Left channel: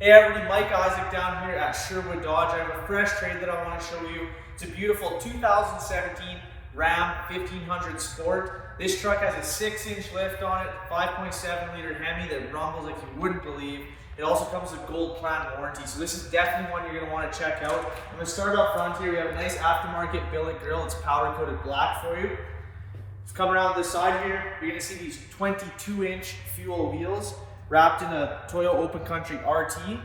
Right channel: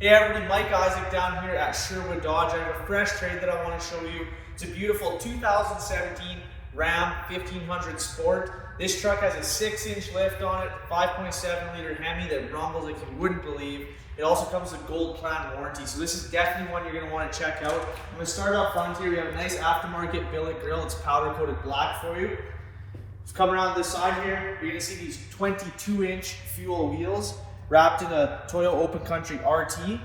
Hey everybody, Mike Isaac down here at Sherwood Dodge. I have a fresh trade that I want to show you. It's a beautiful 2017 Ram 1500 Sport. This truck has a 6-inch lift on it, 5.7 liter Hemi that rumbles like you wouldn't believe. It also comes with Goldplan warranty, so this is definitely one you're going to want to check out. I'm going to start up front here. We have a nice aftermarket billet grille. It's powder coated black for you. Come around this side here, you're going to see these 22-inch fuel wheels wrapped in a Toyota Open Country RT.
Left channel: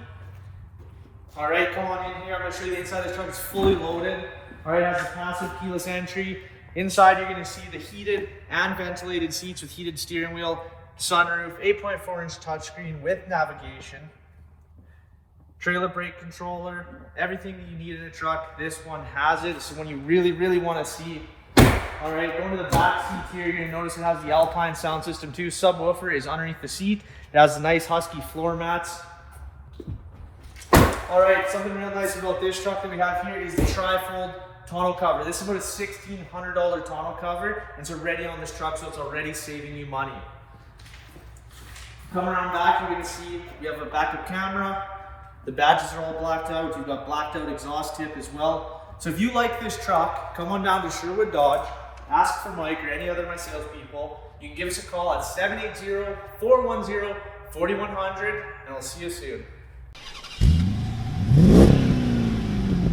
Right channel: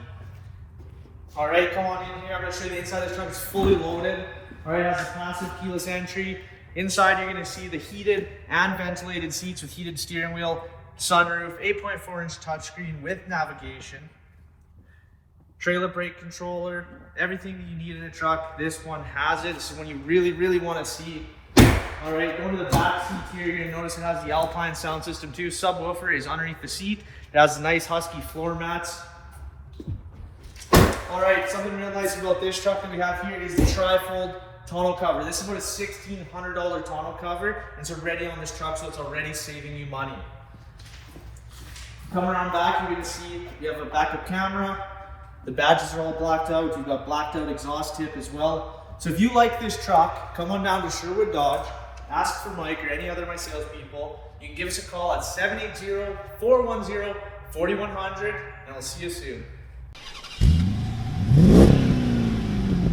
All right, come on in here. I'm going to show you the inside of this truck. It's fully loaded. All right, it has a passive keyless entry. Inside, you're going to see the heated and ventilated seats with heated steering wheel, sunroof, 8.4-inch touchscreen with navigation, trailer brake controller, everything that you need in a truck. This one has it. This is one you really want to see. All right, going to the back seat here, you're going to notice it has the Alpine sound system too. Subwoofer is underneath the seat. It has the nice husky floor mats. All right, something real nice about this truck that we have here is the tri-fold tonneau cover. This is about a $1,600 tonneau cover, and it's already on this truck, so it's already saving you money. Come around back, you're going to see you have a backup camera. The badges are all blacked out. You've got blacked out exhaust tip as well. So if you like this truck, come on down to Sherwood Dodge, ask for Mike or any other of my salespeople. You can give us a call at 780-410-4100, and we'll see you soon.